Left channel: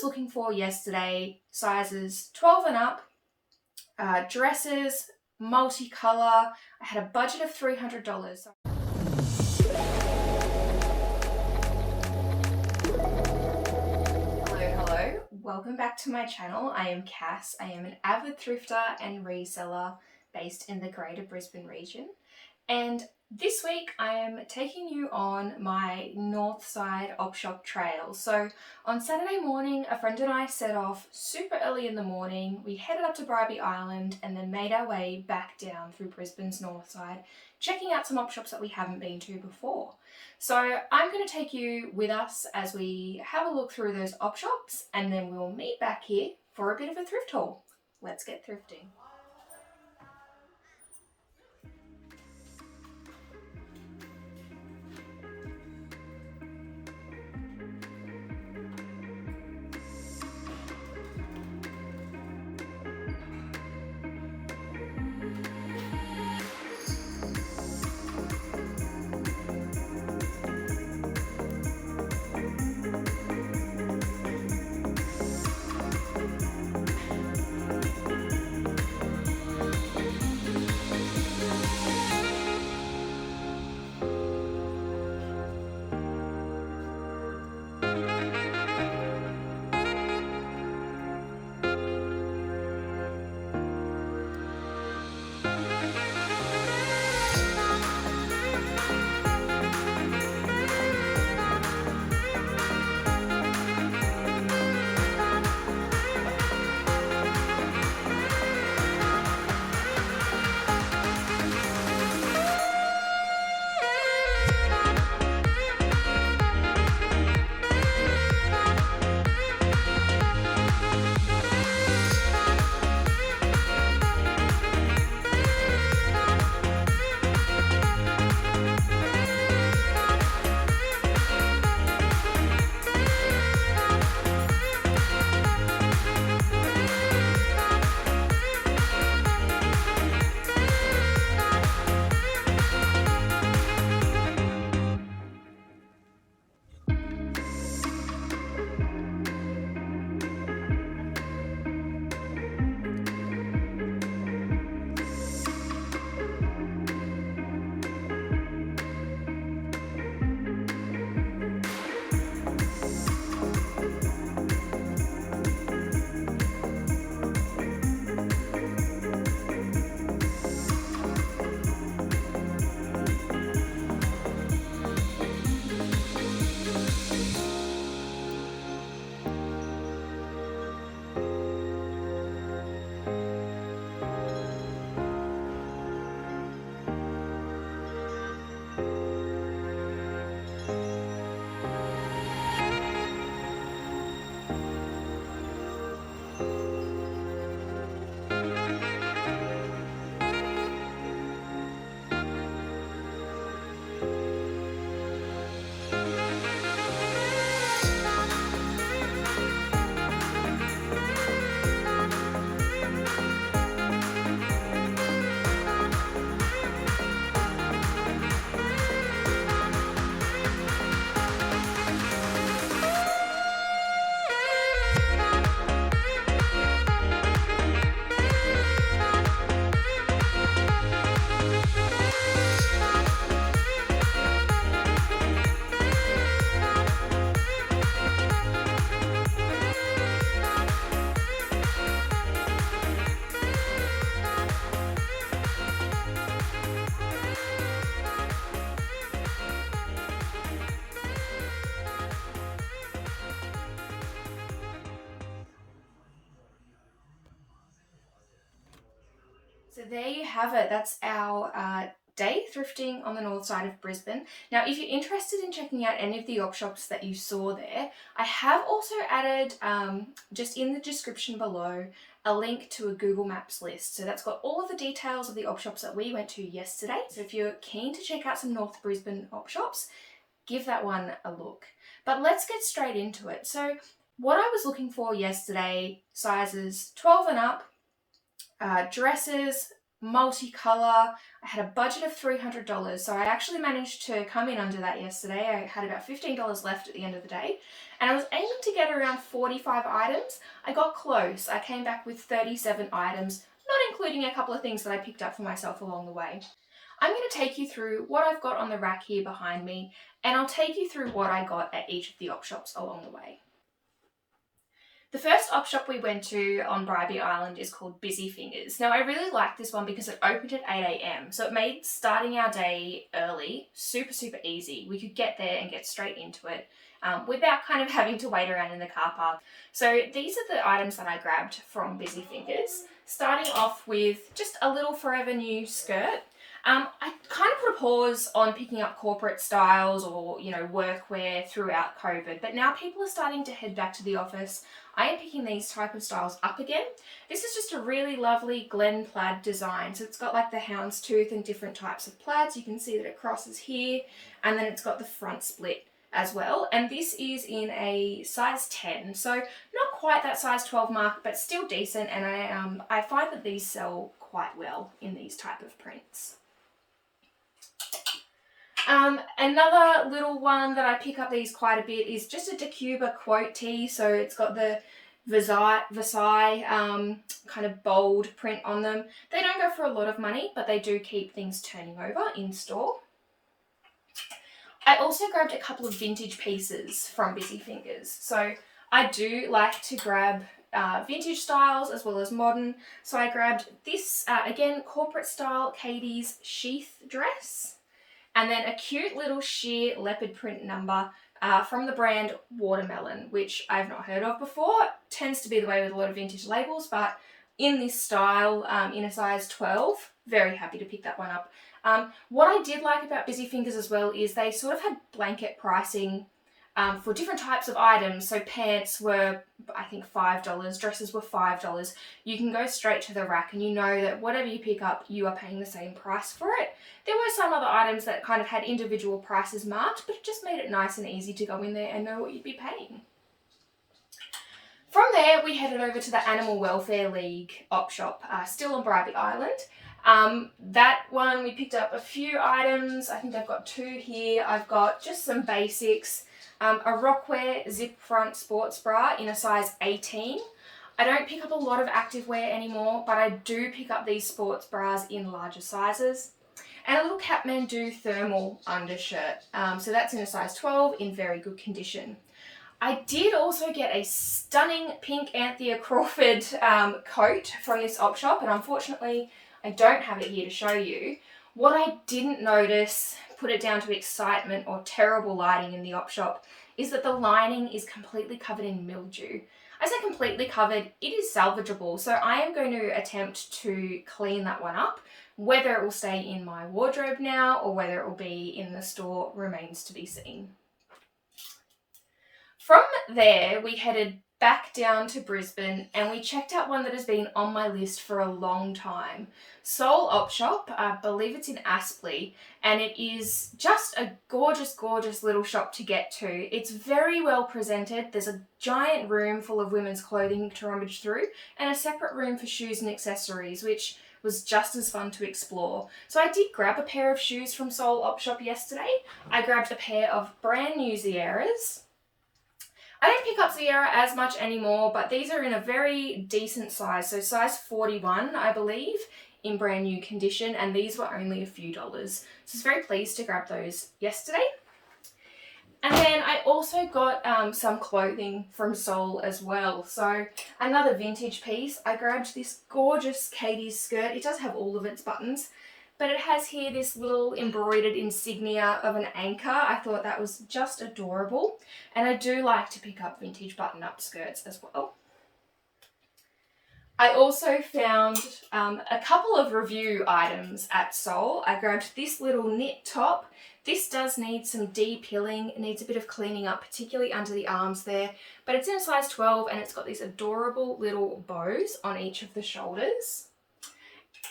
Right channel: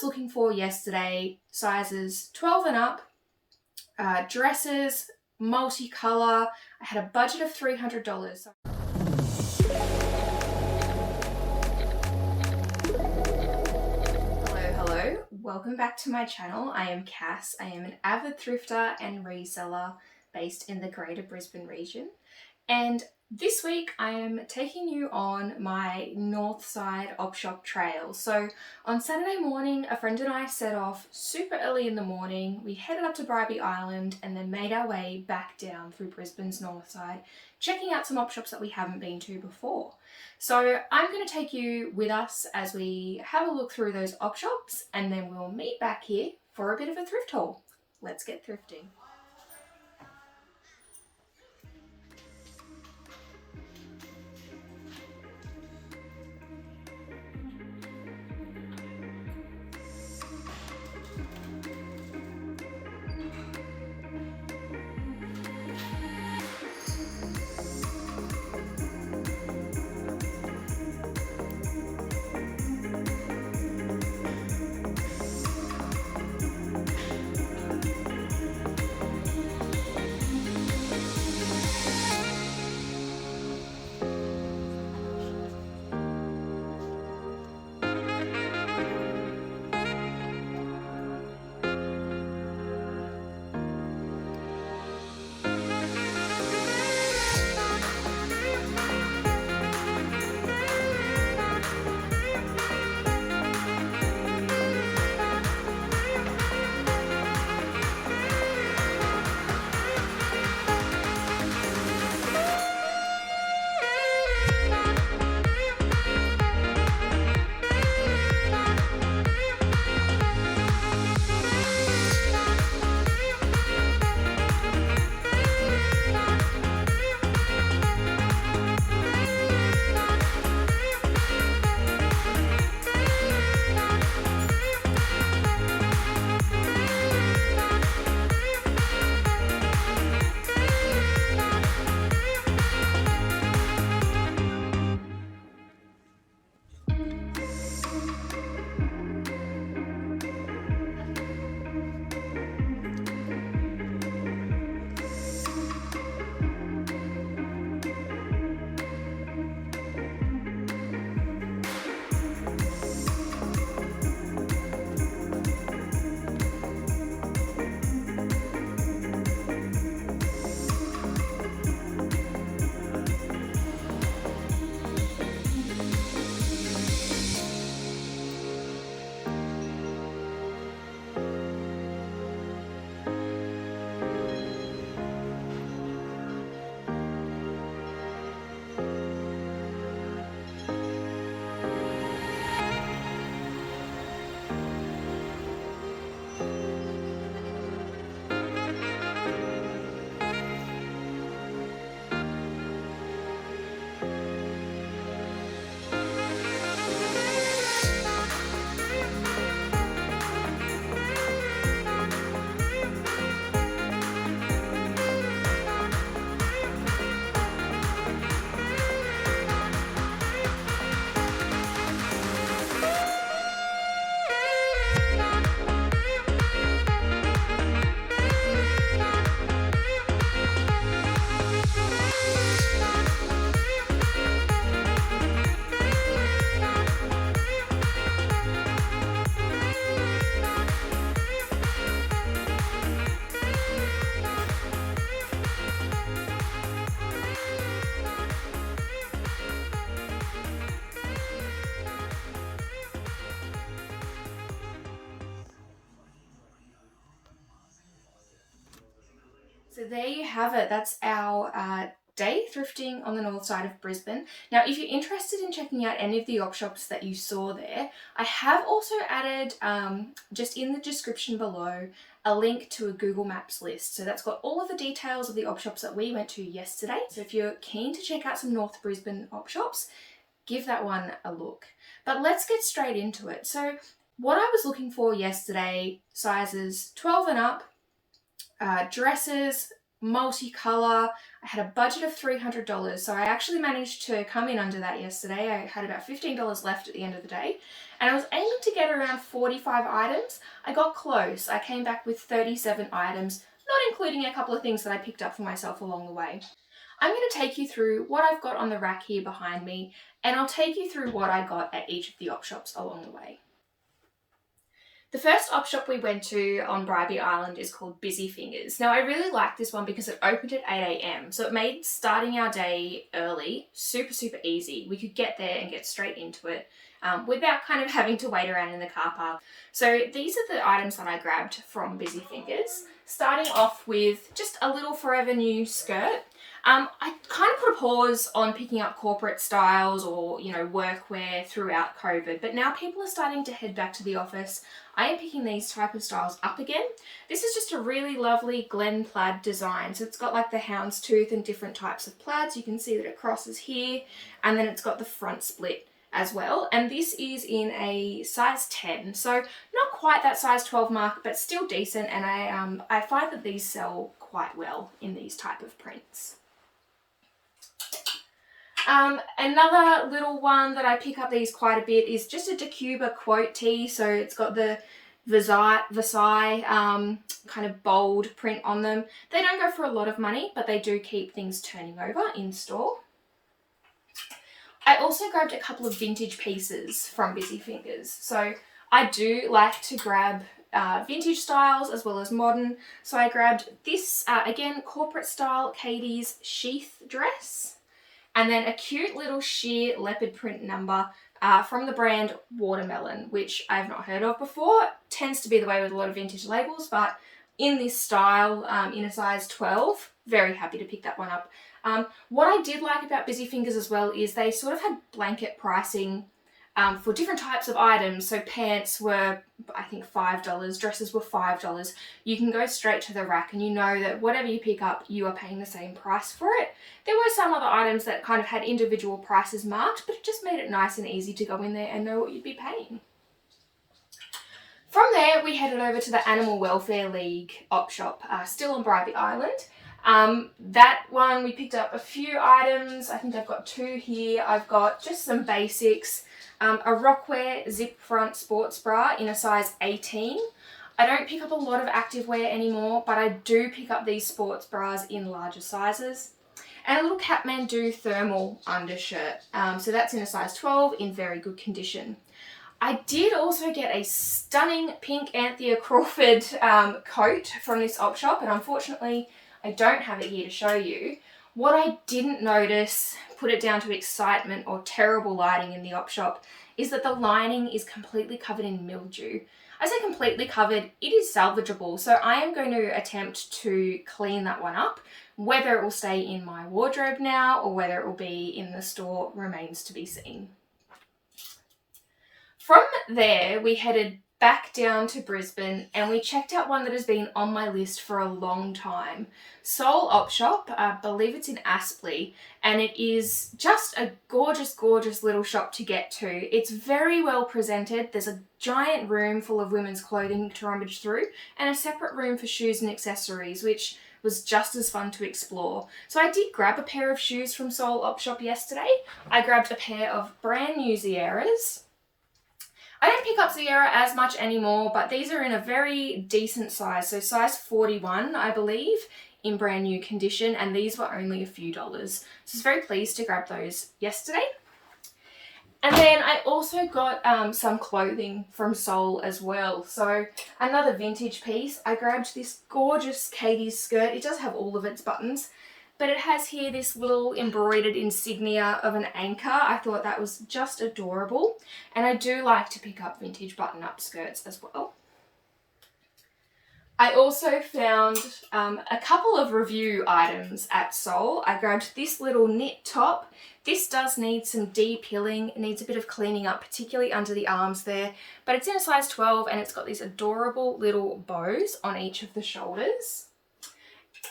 was looking for yesterday, sizes 12 and up, dresses, multicolour. I had a budget of $300. Hello, welcome back to my channel. I am Cass. I am an avid thrifter and reseller based in the Greater Brisbane region. And this week I am taking you on my Northside op shop trail. So on Saturday morning, a friend and I set off super early in the morning. We headed up to Bribie Island and then made our way back down through Brisbane's Northside, checking out some op shops that we haven't been to before. So I'm going to take you with us as we have a look through those op shops, and then we'll meet back here for a bit of a thrift haul. Let's get thrifting. So there you have it. That's our day thrifting on the north side of Brisbane. Now, if you're interested in checking out any of the op shops that you saw there, I have also added, just in the description below, a link to a Google Maps list. So that's got all of the details of the op shops that we went to yesterday. So if you're keen to check out some North Brisbane op shops, give that one a look. But let's get straight into it. So what I was looking for yesterday, sizes 12 and up, dresses, multicolour. I had a budget of $300, so I actually managed to come in under that yesterday. I had about $15 left at the end of the day, and I was aiming to get around 45 items. I got close. I came back with 37 items, not including a couple of things that I picked up for myself along the way. I'm going to take you through what I've got on the rack here behind me, and I'll take you through what I got at each of the op shops along the way. The first op shop we went to on Bribie Island is called Busy Fingers. Now, I really liked this one because it opened at 8 a.m, so it made starting our day early super, super easy. We could get there and get straight into it without kind of having to wait around in the car park. So these are the items that I grabbed from Busy Fingers, starting off with just a little Forever New skirt. I kind of put a pause on picking up corporate styles or, workwear throughout COVID, but now people are starting to head back to the office. I am picking these type of styles up again. This is just a really lovely Glen plaid design. So it's got like the houndstooth and different types of plaids. You can see that it crosses here, and then it's got the front split as well. And this is in a size 10. So not quite that size 12 mark, but still decent. And I find that these sell quite well in these type of prints. Another little one that I pick up these quite a bit is just a Decuba quote tee. So it's got the Versailles kind of bold print on them. They don't go for a lot of money, but they do keep things turning over in store. I also grabbed a couple of vintage pieces from Busy Fingers. So I do like to grab vintage styles as well as modern. So I grabbed this, again, corporate style Katie's sheath dress. And then a cute little sheer leopard print number from the brand Watermelon, which I've not heard of before. It tends to be the way with a lot of vintage labels, but in this style, in a size 12, very happy to pick that one up. What I did like about Busy Fingers as well is they sort of had blanket pricing for different types of items. So pants were, I think, $5, dresses were $5. You can go straight to the rack and you know that whatever you pick up, you are paying the same price for it. There were some other items that kind of had individual prices marked, but it just made it nice and easy to go in there and know what you'd be paying. From there, we headed over to the Animal Welfare League op shop, still on Bribie Island. That one, we picked up a few items. I think I've got two here. I've got just some basics. A Rockwear zip front sports bra in a size 18. I don't pick up a lot of activewear anymore, but I do pick up these sports bras in larger sizes. And a little Kathmandu thermal undershirt. So that's in a size 12 in very good condition. I did also get a stunning pink Anthea Crawford coat from this op shop, and unfortunately I don't have it here to show you. What I didn't notice, put it down to excitement or terrible lighting in the op shop, is that the lining is completely covered in mildew. I say completely covered, it is salvageable, so I am going to attempt to clean that one up. Whether it will stay in my wardrobe now or whether it will be in the store remains to be seen. From there, we headed back down to Brisbane and we checked out one that has been on my list for a long time. Soul Op Shop, I believe it's in Aspley, and it is just a gorgeous, gorgeous little shop to get to. It's very well presented. There's a giant room full of women's clothing to rummage through and a separate room for shoes and accessories, which was just as fun to explore. So I did grab a pair of shoes from Soul Op Shop yesterday. I grabbed a pair of brand new Sierras. I don't pick up Sierra as much anymore, but these are in a very decent size. So size 41, I believe, in brand new condition, and these were only a few dollars. So I was very pleased to grab those yesterday. And then I also got some clothing from Soul as well. So another vintage piece. I grabbed this gorgeous Katie's skirt. It does have all of its buttons, but it has here this little embroidered insignia of an anchor. I thought that was just adorable. And I do like to pick up vintage button-up skirts as well. I also found a couple of review items at Soul. I grabbed this little knit top. This does need some de-pilling. It needs a bit of cleaning up, particularly under the arms there. But it's in a size 12 and it's got these adorable little bows on each of the shoulders.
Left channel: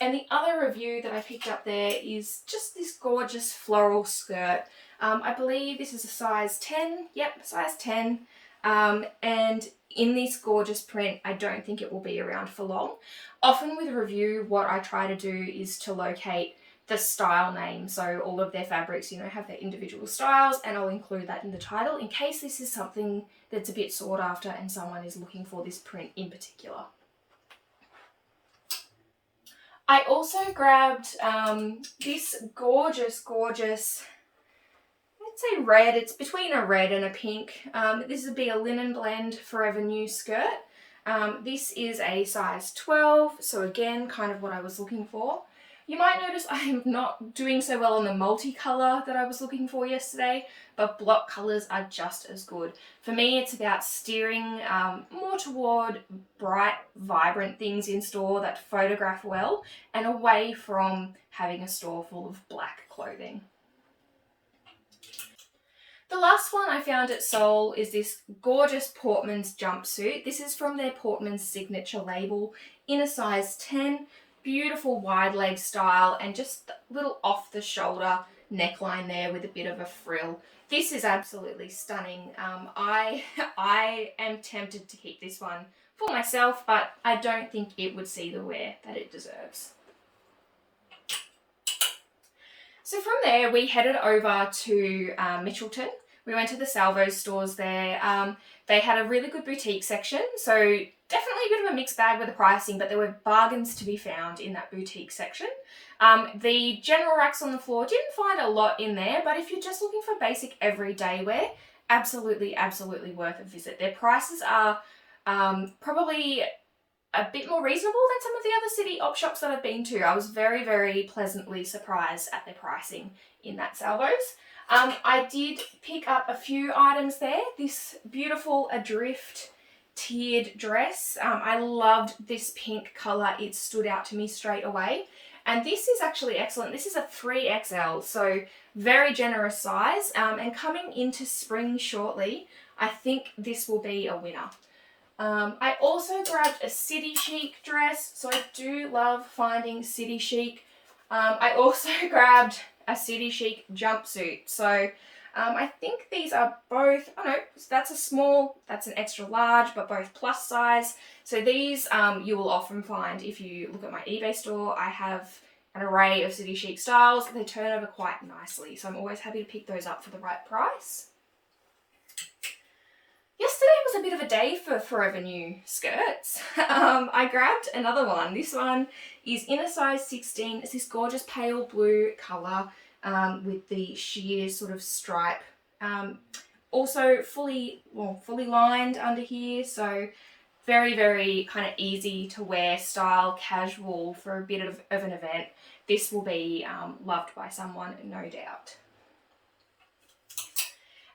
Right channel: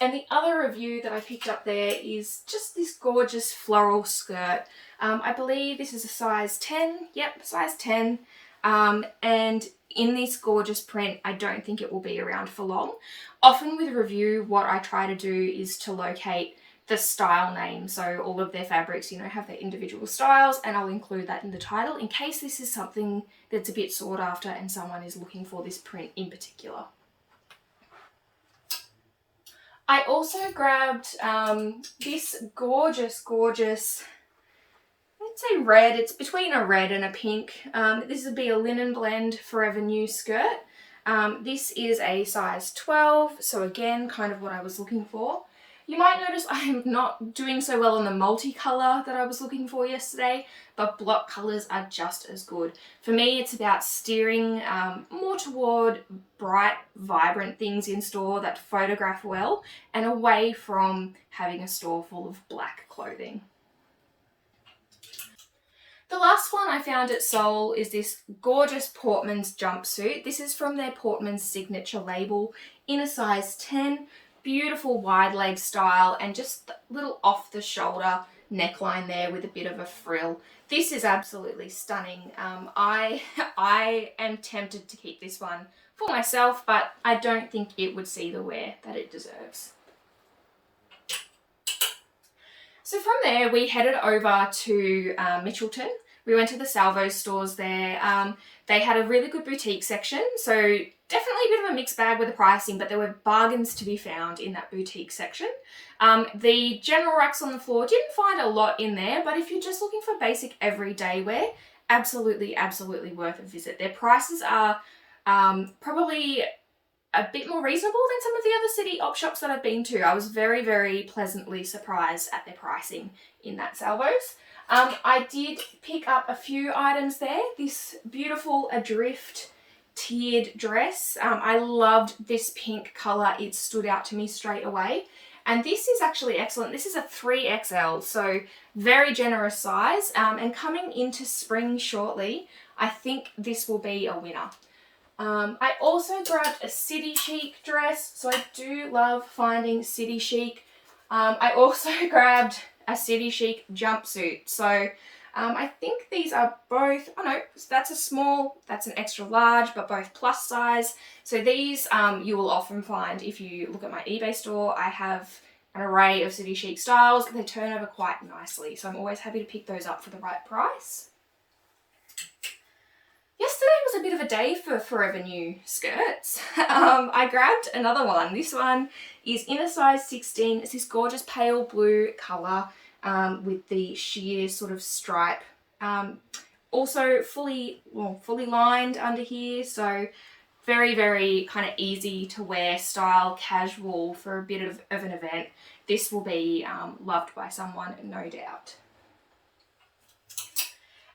And the other review that I picked up there is just this gorgeous floral skirt. I believe this is a size 10. Yep, size 10. And in this gorgeous print, I don't think it will be around for long. Often with review, what I try to do is to locate the style name. So all of their fabrics, have their individual styles, and I'll include that in the title in case this is something that's a bit sought after and someone is looking for this print in particular. I also grabbed this gorgeous, let's say red. It's between a red and a pink. This would be a linen blend Forever New skirt. This is a size 12, so again, kind of what I was looking for. You might notice I'm not doing so well on the multicolour that I was looking for yesterday, but block colours are just as good. For me, it's about steering more toward bright, vibrant things in store that photograph well, and away from having a store full of black clothing. The last one I found at Seoul is this gorgeous Portman's jumpsuit. This is from their Portman's signature label in a size 10. Beautiful wide leg style and just a little off the shoulder neckline there with a bit of a frill. This is absolutely stunning. I am tempted to keep this one for myself, but I don't think it would see the wear that it deserves. So from there, we headed over to Mitchelton. We went to the Salvos stores there. They had a really good boutique section, so definitely a bit of a mixed bag with the pricing, but there were bargains to be found in that boutique section. The general racks on the floor, didn't find a lot in there, but if you're just looking for basic everyday wear, absolutely worth a visit. Their prices are probably a bit more reasonable than some of the other city op shops that I've been to. I was very pleasantly surprised at their pricing in that Salvos. I did pick up a few items there. This beautiful Adrift tiered dress. I loved this pink colour. It stood out to me straight away. And this is actually excellent. This is a 3XL, so very generous size. And coming into spring shortly, I think this will be a winner. I also grabbed a city chic dress, so I do love finding city chic. I also grabbed a city chic jumpsuit. So I think these are both, oh no, that's a small, that's an extra large, but both plus size. So these you will often find if you look at my eBay store. I have an array of city chic styles. They turn over quite nicely, so I'm always happy to pick those up for the right price. Yesterday was a bit of a day for Forever New skirts. I grabbed another one. This one is in a size 16. It's this gorgeous pale blue colour with the sheer sort of stripe. Also fully lined under here, so very kind of easy to wear style, casual for a bit of an event. This will be loved by someone, no doubt.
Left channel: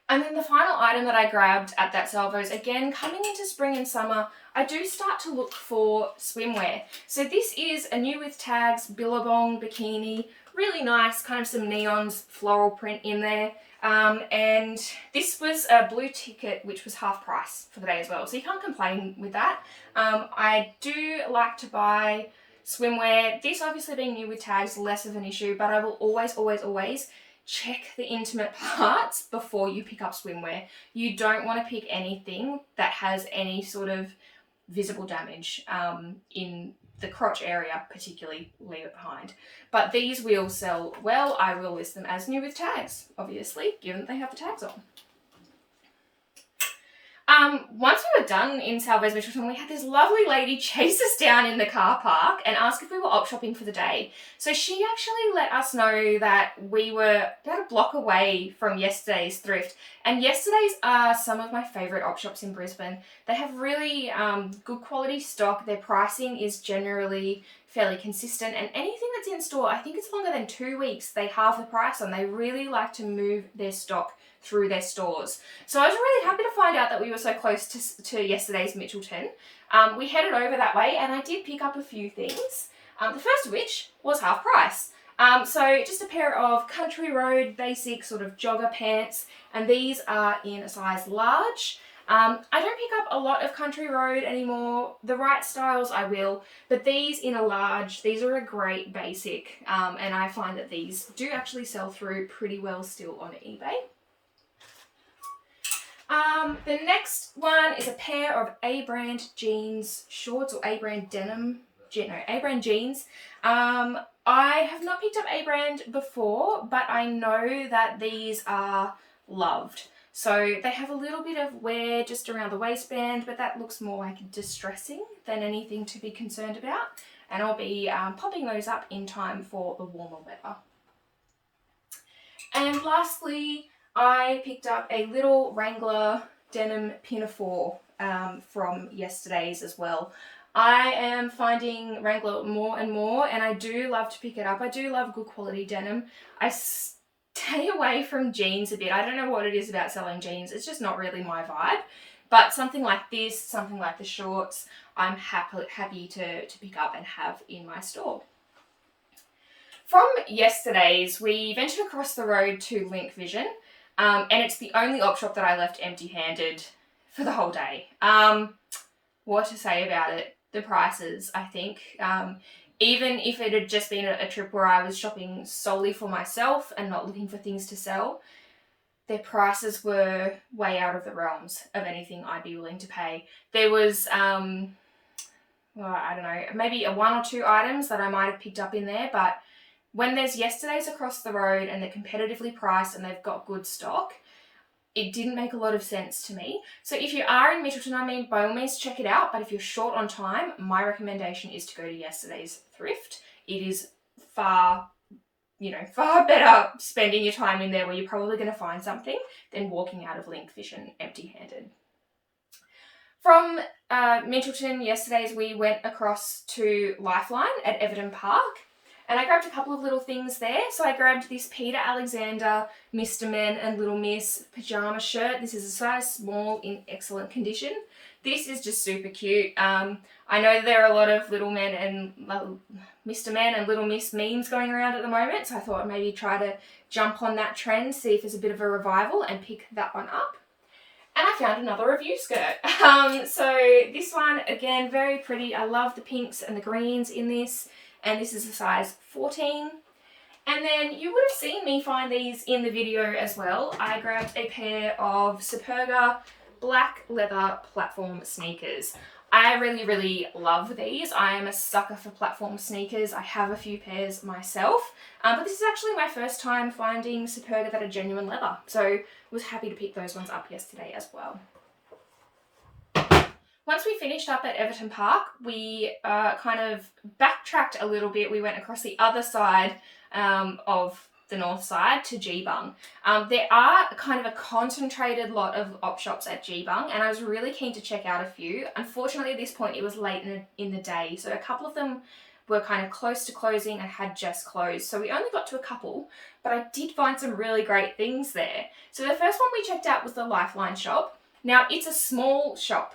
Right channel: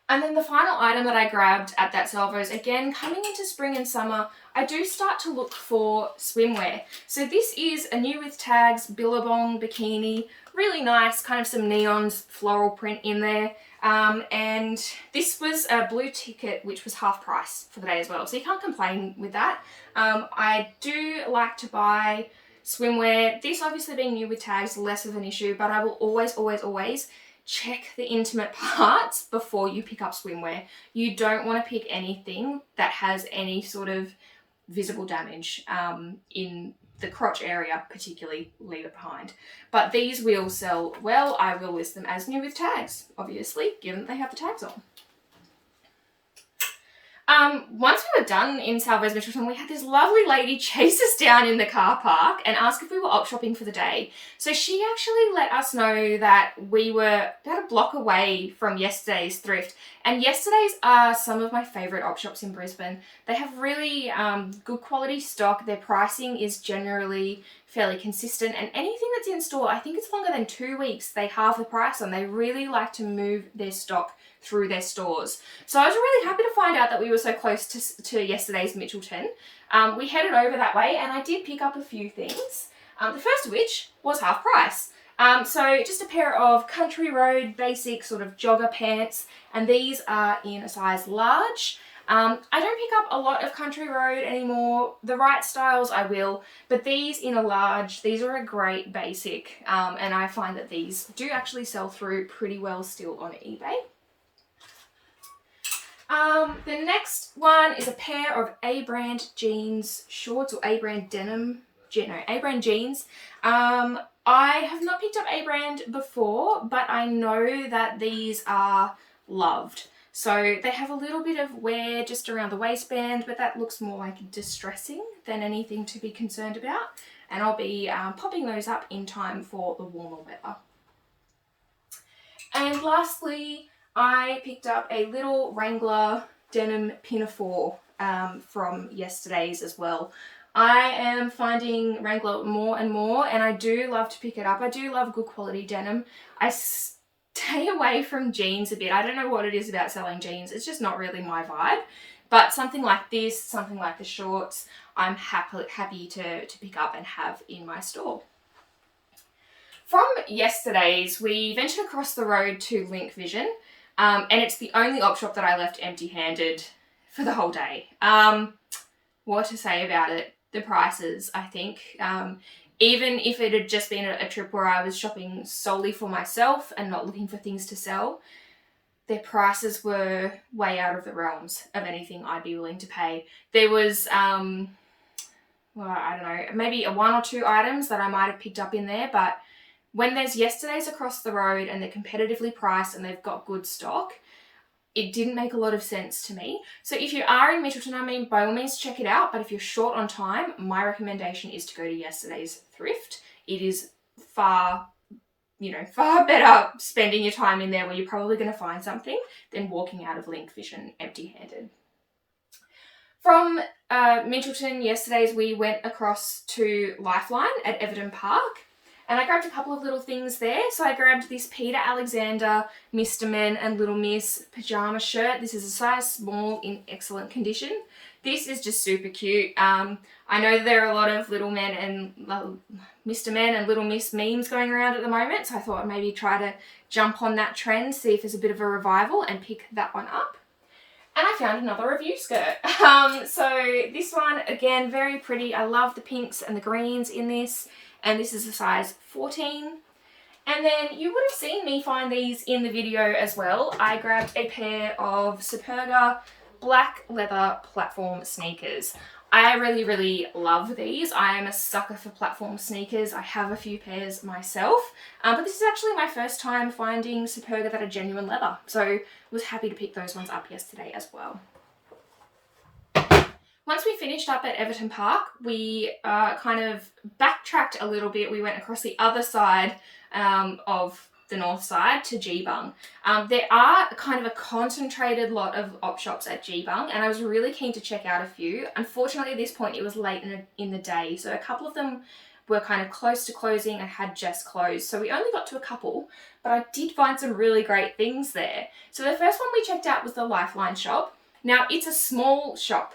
And then the final item that I grabbed at that Salvos, again, coming into spring and summer, I do start to look for swimwear. So this is a new with tags Billabong bikini, really nice, kind of some neons, floral print in there. And this was a blue ticket, which was half price for the day as well. So you can't complain with that. I do like to buy swimwear. This obviously being new with tags, less of an issue, but I will always check the intimate parts before you pick up swimwear. You don't want to pick anything that has any sort of visible damage in the crotch area, particularly. Leave it behind. But these will sell well. I will list them as new with tags, obviously, given that they have the tags on. Once we were done in Salvos Mitchelton, we had this lovely lady chase us down in the car park and ask if we were op shopping for the day. So she actually let us know that we were about a block away from yesterday's Thrift. And yesterday's are some of my favourite op shops in Brisbane. They have really good quality stock. Their pricing is generally fairly consistent, and anything that's in store, I think it's longer than 2 weeks, they halve the price on. They really like to move their stock through their stores. So I was really happy to find out that we were so close to yesterday's Mitchelton. We headed over that way and I did pick up a few things. The first of which was half price. So just a pair of Country Road basic sort of jogger pants, and these are in a size large. I don't pick up a lot of Country Road anymore. The right styles I will, but these in a large, these are a great basic, and I find that these do actually sell through pretty well still on eBay. The next one is a pair of A-brand jeans shorts, or A-brand denim, A-brand jeans. I have not picked up A-brand before, but I know that these are loved. So they have a little bit of wear just around the waistband, but that looks more like distressing than anything to be concerned about. And I'll be popping those up in time for the warmer weather. And lastly, I picked up a little Wrangler denim pinafore from yesterday's as well. I am finding Wrangler more and more, and I do love to pick it up. I do love good quality denim. I stay away from jeans a bit. I don't know what it is about selling jeans. It's just not really my vibe. But something like this, something like the shorts, I'm happy to pick up and have in my store. From yesterday's, we ventured across the road to Link Vision, and it's the only op shop that I left empty-handed for the whole day. What to say about it? The prices, I think. Even if it had just been a trip where I was shopping solely for myself and not looking for things to sell, their prices were way out of the realms of anything I'd be willing to pay. There was, well, I don't know, maybe one or two items that I might have picked up in there, but when there's yesterday's across the road and they're competitively priced and they've got good stock, it didn't make a lot of sense to me. So if you are in Mitchelton, I mean, by all means check it out. But if you're short on time, my recommendation is to go to yesterday's Thrift. It is far better spending your time in there where you're probably going to find something than walking out of Link Vision empty-handed. From Mitchelton yesterday's, we went across to Lifeline at Everton Park. And I grabbed a couple of little things there. So I grabbed this Peter Alexander Mr. Men and Little Miss pyjama shirt. This is a size small in excellent condition. This is just super cute. I know there are a lot of Little Men and Mr. Men and Little Miss memes going around at the moment. So I thought I'd maybe try to jump on that trend, see if there's a bit of a revival and pick that one up. And I found another review skirt. So this one, again, very pretty. I love the pinks and the greens in this. And this is a size 14. And then you would have seen me find these in the video as well. I grabbed a pair of Superga black leather platform sneakers. I really, really love these. I am a sucker for platform sneakers. I have a few pairs myself, but this is actually my first time finding Superga that are genuine leather. So was happy to pick those ones up yesterday as well. Once we finished up at Everton Park, we kind of backtracked a little bit. We went across the other side of the Northside to Geebung. There are kind of a concentrated lot of op shops at Geebung, and I was really keen to check out a few. Unfortunately, at this point, it was late in the day, so a couple of them were kind of close to closing and had just closed. So we only got to a couple, but I did find some really great things there. So the first one we checked out was the Lifeline shop. Now, it's a small shop,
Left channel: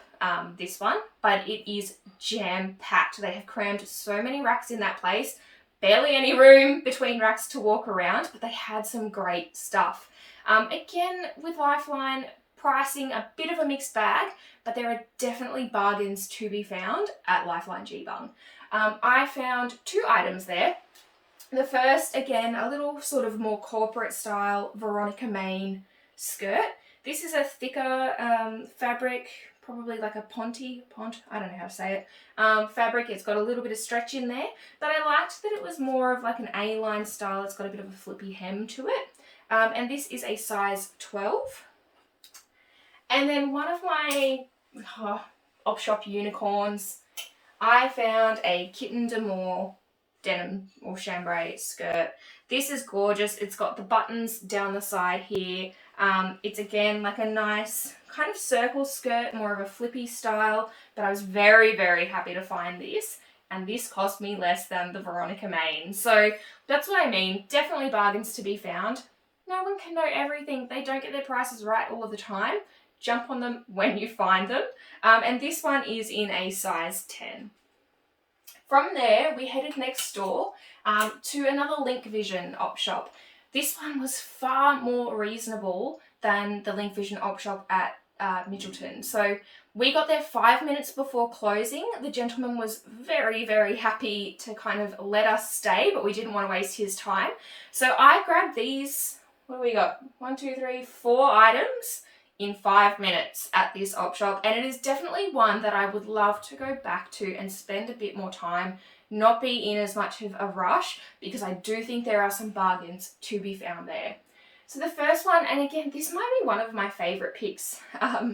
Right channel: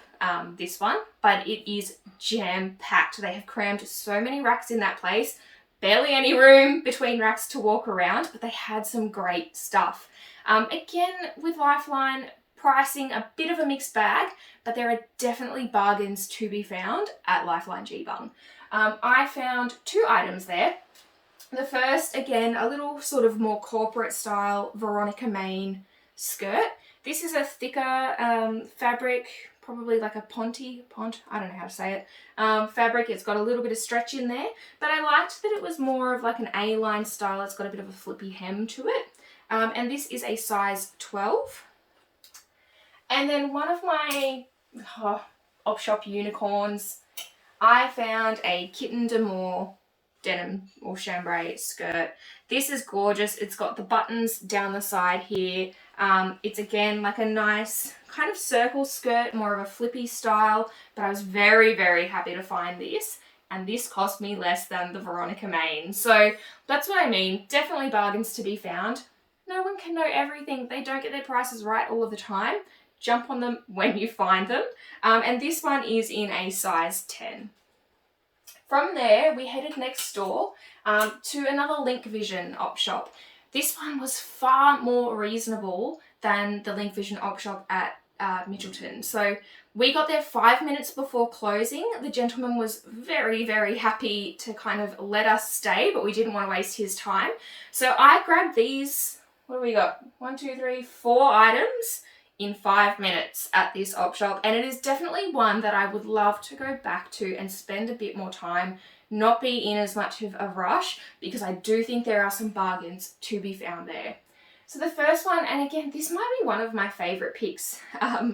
this one, but it is jam-packed. They have crammed so many racks in that place. Barely any room between racks to walk around, but they had some great stuff. Again, with Lifeline, pricing a bit of a mixed bag, but there are definitely bargains to be found at Lifeline Geebung. I found two items there. The first, again, a little sort of more corporate style Veronica Main skirt. This is a thicker fabric, probably like a pont, I don't know how to say it, fabric. It's got a little bit of stretch in there, but I liked that it was more of like an A-line style. It's got a bit of a flippy hem to it. And this is a size 12. And then one of my op shop unicorns, I found a Kitten d'Amour denim or chambray skirt. This is gorgeous. It's got the buttons down the side here. It's again like a nice kind of circle skirt, more of a flippy style, but I was very, very happy to find this, and this cost me less than the Veronica Main. So that's what I mean. Definitely bargains to be found. No one can know everything. They don't get their prices right all of the time. Jump on them when you find them. And this one is in a size 10. From there, we headed next door to another Link Vision op shop. This one was far more reasonable than the Link Vision op shop at Mitchelton. So we got there 5 minutes before closing. The gentleman was very, very happy to kind of let us stay, but we didn't want to waste his time. So I grabbed these, what do we got? 1, 2, 3, 4 items in 5 minutes at this op shop, and it is definitely one that I would love to go back to and spend a bit more time, not be in as much of a rush, because I do think there are some bargains to be found there. So the first one, and again, this might be one of my favourite picks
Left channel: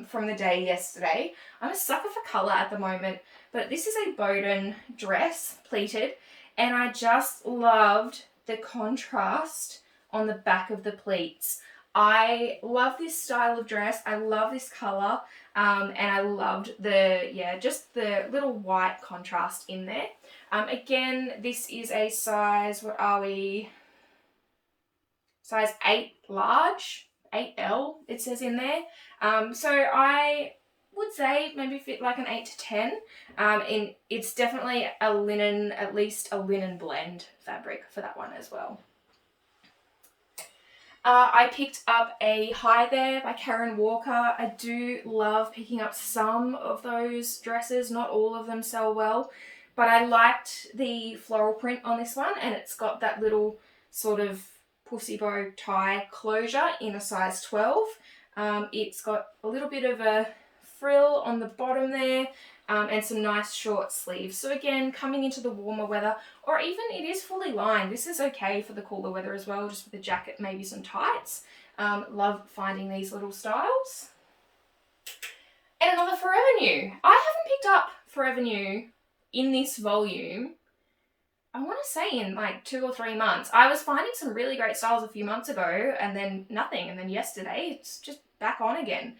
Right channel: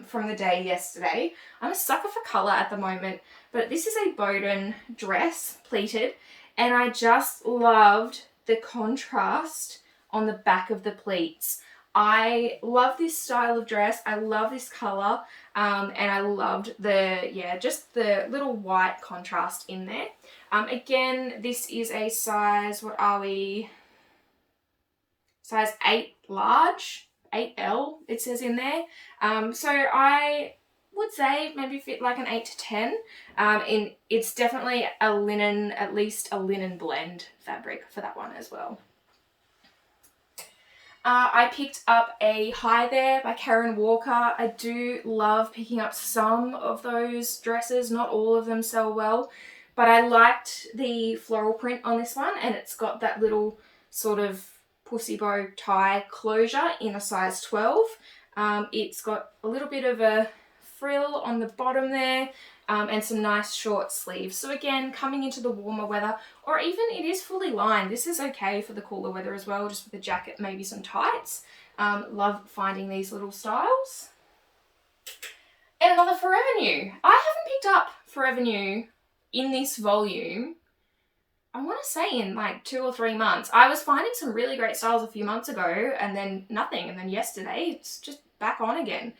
from the day yesterday. I'm a sucker for colour at the moment, but this is a Bowden dress, pleated, and I just loved the contrast on the back of the pleats. I love this style of dress. I love this colour, and I loved just the little white contrast in there. Again, this is a size, what are we? Size 8 large, 8L it says in there. So I would say maybe fit like an 8 to 10. And it's definitely a linen, at least a linen blend fabric for that one as well. I picked up a Hi There by Karen Walker. I do love picking up some of those dresses. Not all of them sell well, but I liked the floral print on this one, and it's got that little sort of pussy bow tie closure in a size 12. It's got a little bit of a frill on the bottom there, and some nice short sleeves. So again, coming into the warmer weather, or even it is fully lined. This is okay for the cooler weather as well, just with a jacket, maybe some tights. Love finding these little styles. And another Forever New. I haven't picked up Forever New in this volume, I want to say in like 2 or 3 months. I was finding some really great styles a few months ago, and then nothing. And then yesterday, it's just back on again.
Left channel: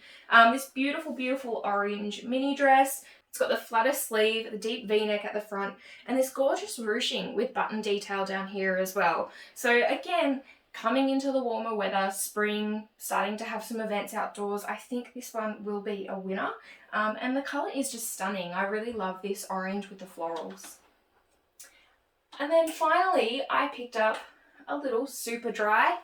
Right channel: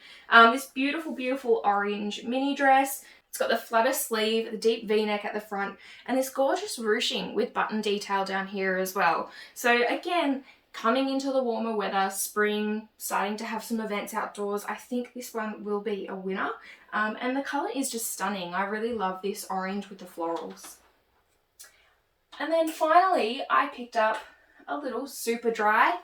This beautiful, beautiful orange mini dress. It's got the flutter sleeve, the deep V-neck at the front, and this gorgeous ruching with button detail down here as well. So again, coming into the warmer weather, spring, starting to have some events outdoors, I think this one will be a winner. And the colour is just stunning. I really love this orange with the florals. And then finally, I picked up a little super dry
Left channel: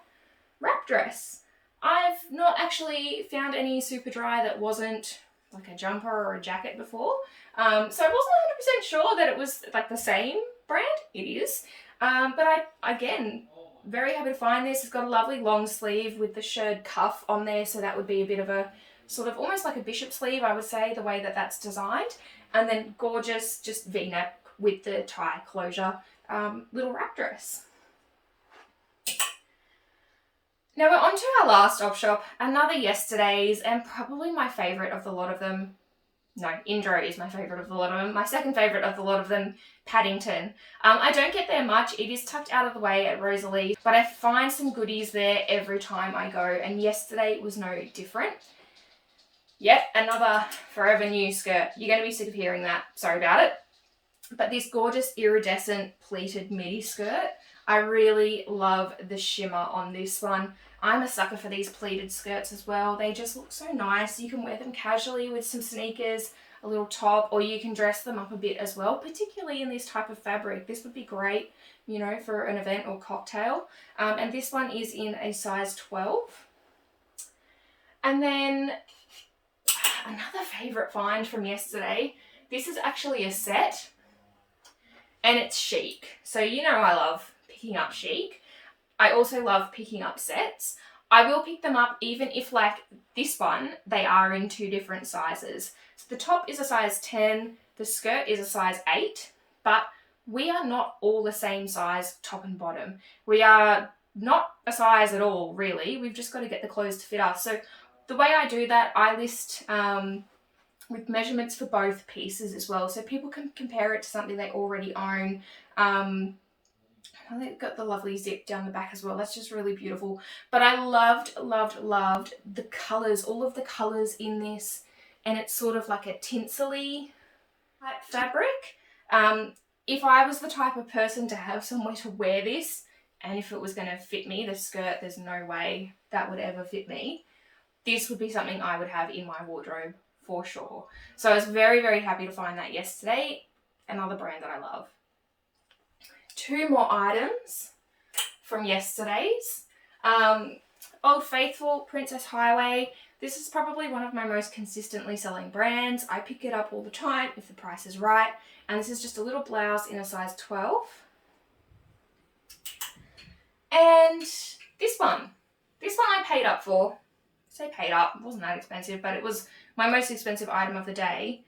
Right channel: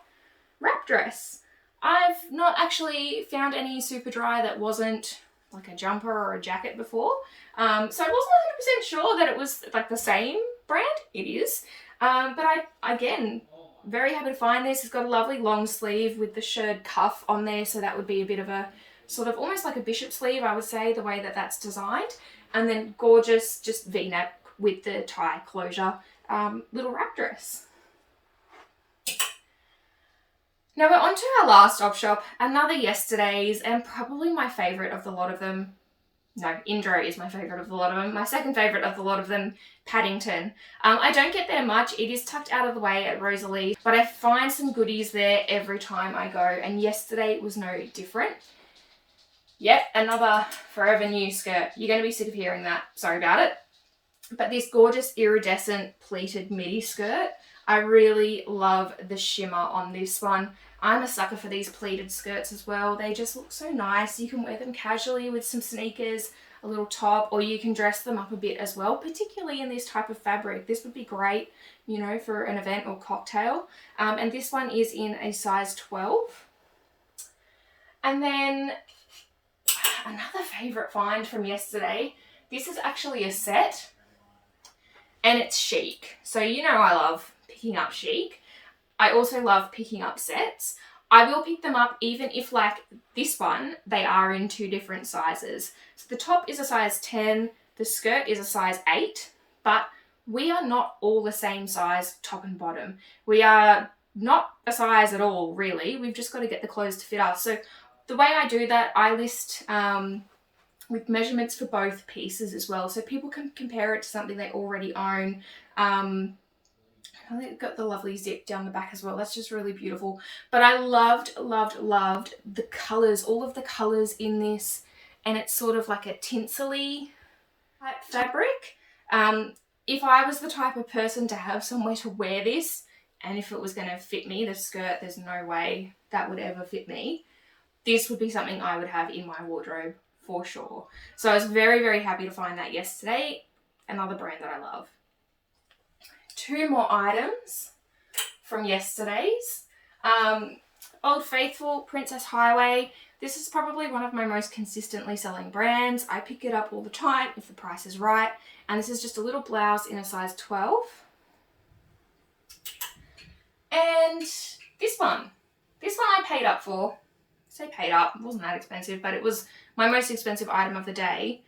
wrap dress. I've not actually found any super dry that wasn't like a jumper or a jacket before. So I wasn't 100% sure that it was like the same brand. It is. But again, very happy to find this. It's got a lovely long sleeve with the shirred cuff on there. So that would be a bit of a sort of almost like a bishop sleeve, I would say, the way that that's designed. And then gorgeous, just V-neck with the tie closure, little wrap dress. Now we're on to our last op shop, another yesterday's, and probably my favourite of the lot of them. No, Indro is my favourite of the lot of them. My second favourite of the lot of them, Paddington. I don't get there much. It is tucked out of the way at Rosalie, but I find some goodies there every time I go, and yesterday was no different. Yep, another Forever New skirt. You're going to be sick of hearing that. Sorry about it. But this gorgeous iridescent pleated midi skirt, I really love the shimmer on this one. I'm a sucker for these pleated skirts as well. They just look so nice. You can wear them casually with some sneakers, a little top, or you can dress them up a bit as well, particularly in this type of fabric. This would be great, you know, for an event or cocktail. And this one is in a size 12. And then another favourite find from yesterday. This is actually a set, and it's chic. So you know I love picking up chic. I also love picking up sets. I will pick them up even if, like this one, they are in 2 different sizes. So the top is a size 10, the skirt is a size 8, but we are not all the same size top and bottom. We are not a size at all, really. We've just got to get the clothes to fit us. So the way I do that, I list with measurements for both pieces as well, so people can compare it to something they already own. They've got the lovely zip down the back as well. That's just really beautiful. But I loved the colours, all of the colours in this, and it's sort of like a tinsely type fabric. If I was the type of person to have somewhere to wear this, and if it was going to fit me, the skirt, there's no way that would ever fit me, this would be something I would have in my wardrobe for sure. So I was very, very happy to find that yesterday. Another brand that I love. 2 more items from yesterday's. Old Faithful Princess Highway. This is probably one of my most consistently selling brands. I pick it up all the time if the price is right. And this is just a little blouse in a size 12. And this one I paid up for. say paid up, it wasn't that expensive, but it was my most expensive item of the day.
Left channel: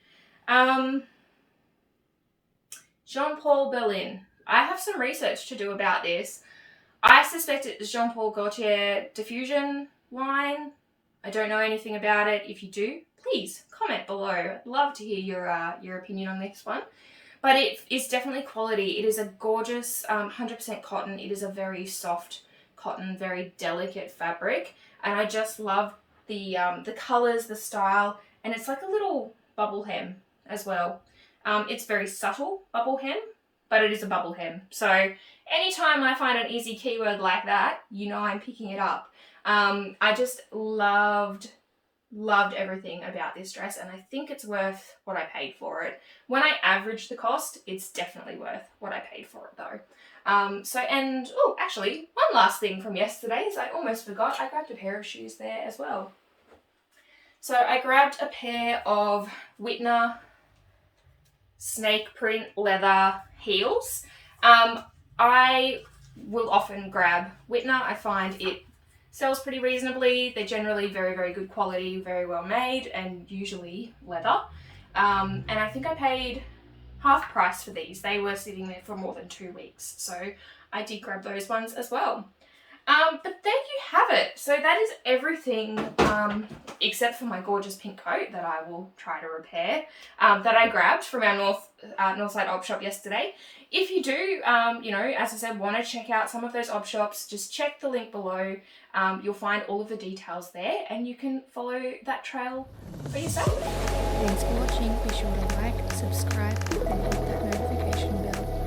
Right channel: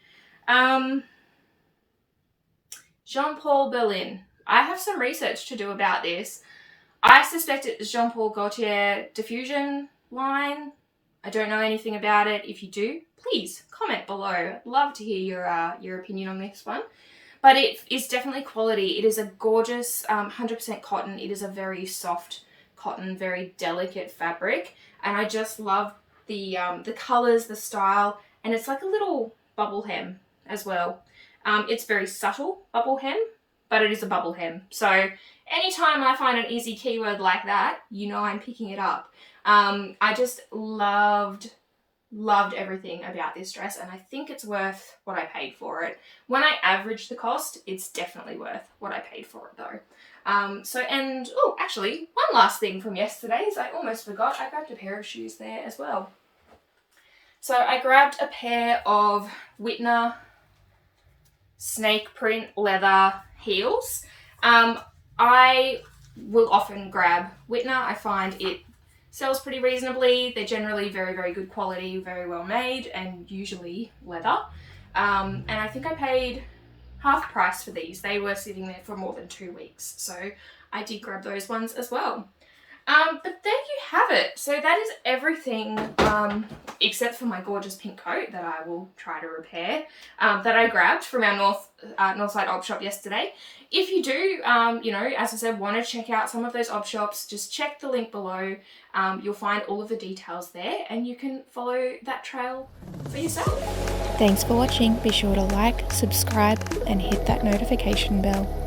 Jean-Paul Berlin. I have some research to do about this. I suspect it's Jean-Paul Gaultier diffusion line. I don't know anything about it. If you do, please comment below. I'd love to hear your opinion on this one. But it is definitely quality. It is a gorgeous 100% cotton. It is a very soft cotton, very delicate fabric. And I just love the colours, the style, and it's like a little bubble hem as well. It's very subtle bubble hem, but it is a bubble hem. So anytime I find an easy keyword like that, you know I'm picking it up. I just loved everything about this dress, and I think it's worth what I paid for it. When I average the cost, it's definitely worth what I paid for it though. Actually, one last thing from yesterday is I almost forgot, I grabbed a pair of shoes there as well. So I grabbed a pair of Whitner snake print leather heels. I will often grab Whitner. I find it sells pretty reasonably. They're generally very, very good quality, very well made, and usually leather. And I think I paid half price for these. They were sitting there for more than 2 weeks. So I did grab those ones as well. But there you have it. So that is everything, except for my gorgeous pink coat that I will try to repair, that I grabbed from our Northside op shop yesterday. If you do, as I said, want to check out some of those op shops, just check the link below. You'll find all of the details there, and you can follow that trail for yourself. Thanks for watching. Be sure to like, subscribe, and hit that notification bell.